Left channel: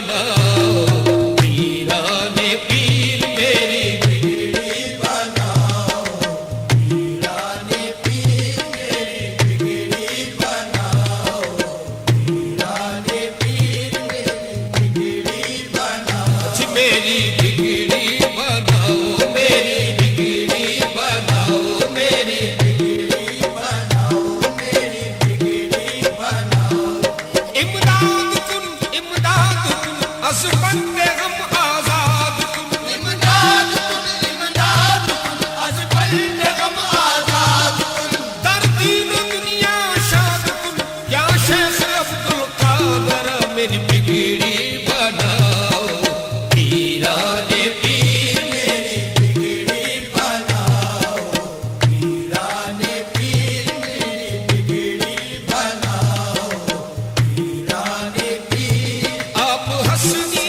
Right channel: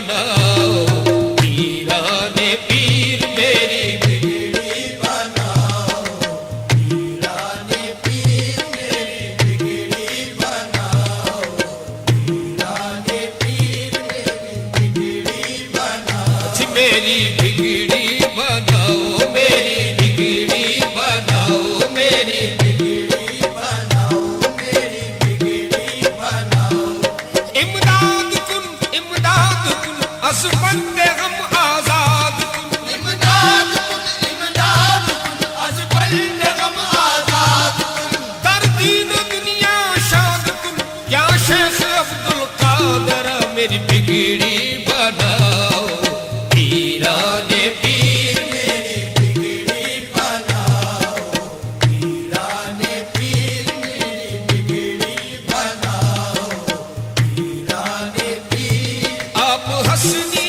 बनाओ, पीराने पीर मेरी बिगड़ी बनाओ, पीराने पीर मेरी बिगड़ी बनाओ, पीराने पीर मेरी बिगड़ी बनाओ, मेरी बिगड़ी बनाओ, मेरी बिगड़ी बनाओ, मेरी बिगड़ी बनाओ, मेरी बिगड़ी बनाओ। इमदाद कुन अज़बंदे हम आजाद कुन, इमदाद कुन अज़बंदे हम आजाद कुन, दर्दीन दुनिया शाद कुन, या शेख अब्दुल कादर मेरी बिगड़ी बनाओ, पीराने पीर मेरी बिगड़ी बनाओ, पीराने पीर मेरी बिगड़ी बनाओ, पीराने पीर। आप हसनी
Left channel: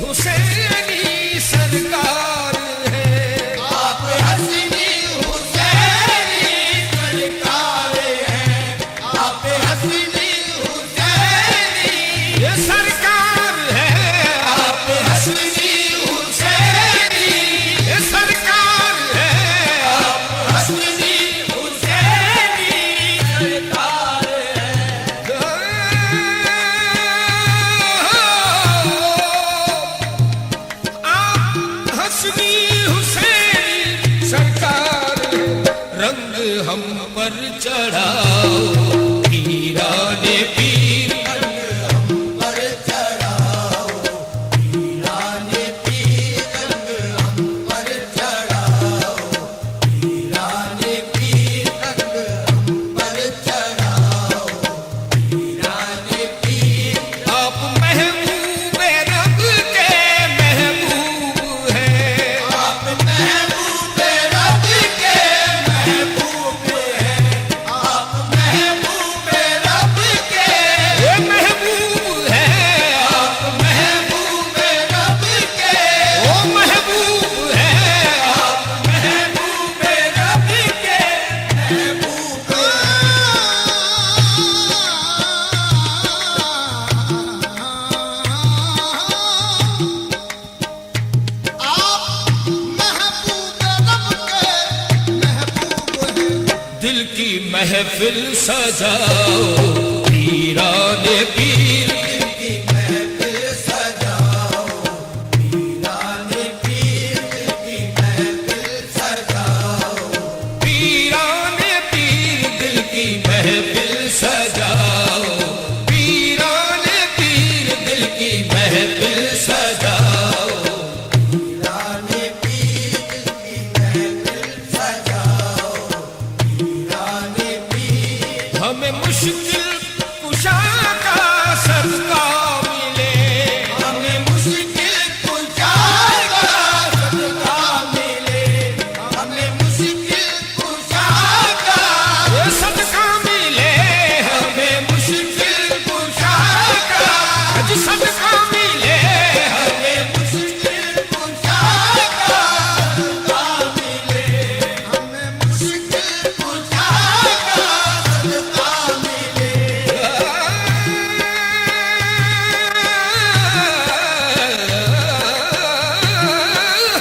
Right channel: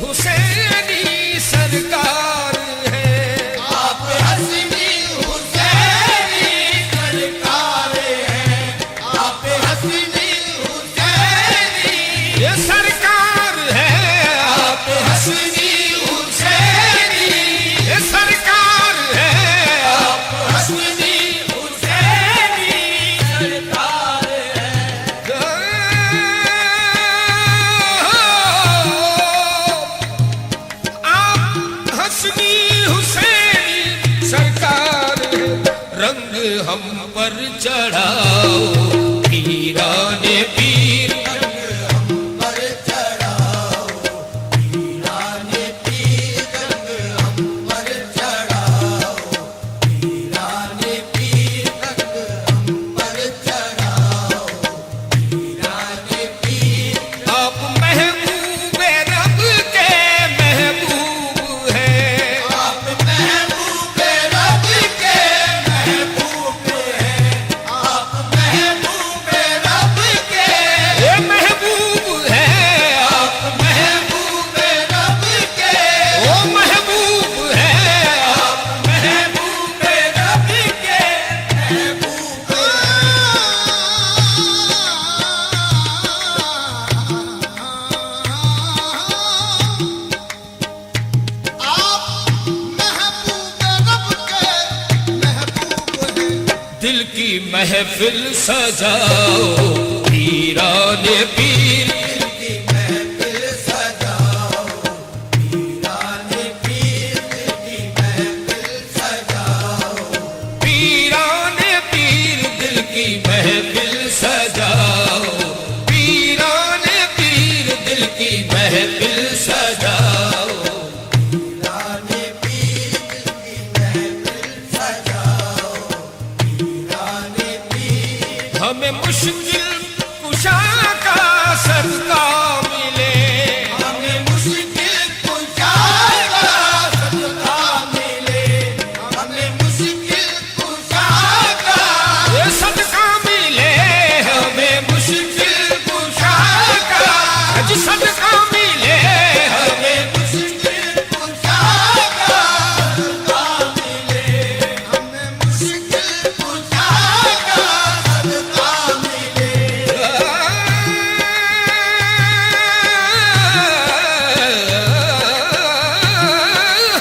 हुसैनी सरकार है, आप हसनी हुसैनी सरकार है, आप हसनी हुसैनी ये सरकार है, आप हसनी हुसैनी ये सरकार है, आप हसनी हुसैनी सरकार है। आप हसनी हुसैनी सरकार है, रंग हम पर चढ़ाओ, पीराने पीर रंग हम पर चढ़ाओ, पीराने पीर रंग हम पर चढ़ाओ, पीराने पीर रंग हम पर चढ़ाओ, पीराने पीर। आप महबूबे रब के महबूब हैं, आप महबूबे रब के महबूब हैं, आप महबूबे रब के ये महबूब हैं, आप महबूबे रब के वो महबूब हैं, आप महबूबे रब के महबूब दिल की महफिल सजाओ, पीराने पीर दिल की महफिल सजाओ, पीराने पीर दिल की महफिल सजाओ, पीराने पीर दिल की महफिल सजाओ, पीराने पीर दिल की महफिल सजाओ, पीराने पीर दिल की महफिल सजाओ, पीराने पीर। हमें मुश्किल कुशा का सदका मिले, हमें मुश्किल कुशा का सदका मिले, हमें मुश्किल कुशा का ये सदका मिले, हमें मुश्किल कुशा का आज सदका मिले, हमें मुश्किल कुशा का सदका मिले, हमें मुश्किल कुशा का सदका मिले।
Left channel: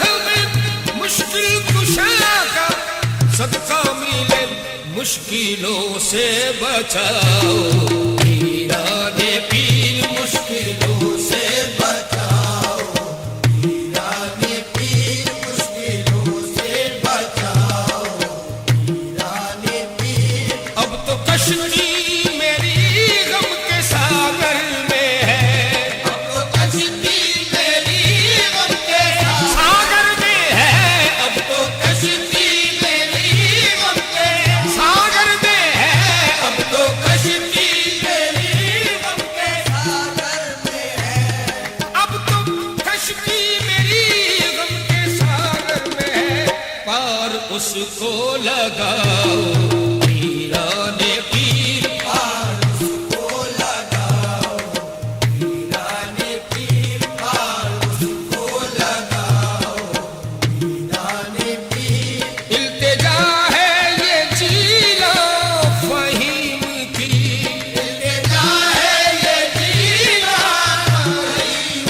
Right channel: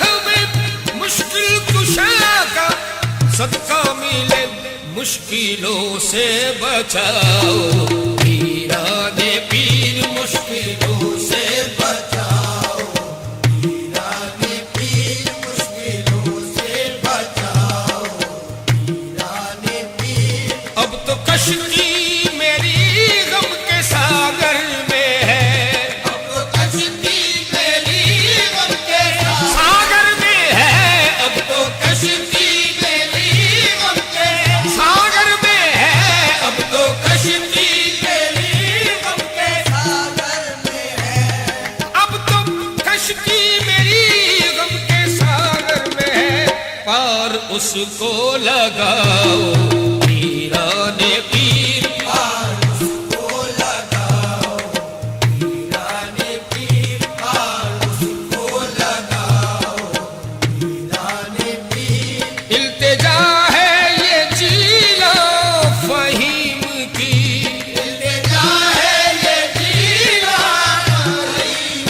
हमें मुश्किल कुशा का सदका मिले, मुश्किलों से बचाओ, पीराने पीर मुश्किलों से बचाओ, पीराने पीर मुश्किलों से बचाओ, पीराने पीर। अब तो कश्ती मेरी गम के सागर में है, अब तो कश्ती मेरी गम के सागर में है, अब तो कश्ती मेरी गम के सागर में है, अब तो कश्ती मेरी गम के सागर में है, अब तो कश्ती मेरी गम के सागर में है, पार उसको लगाओ, पीराने पीर पार उसको लगाओ, पीराने पीर पार उसको लगाओ, पीराने पीर। इल्तिजा है ये जीला फहीम की, इल्तिजा है ये जीला फहीम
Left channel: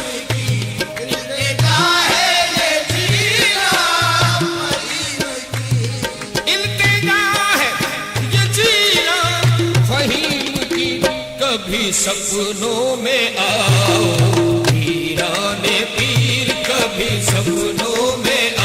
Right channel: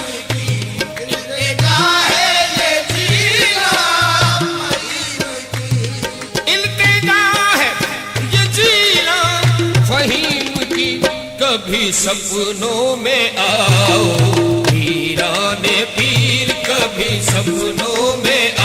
कभी सपनों में आओ, वीराने पीर कभी सपनों में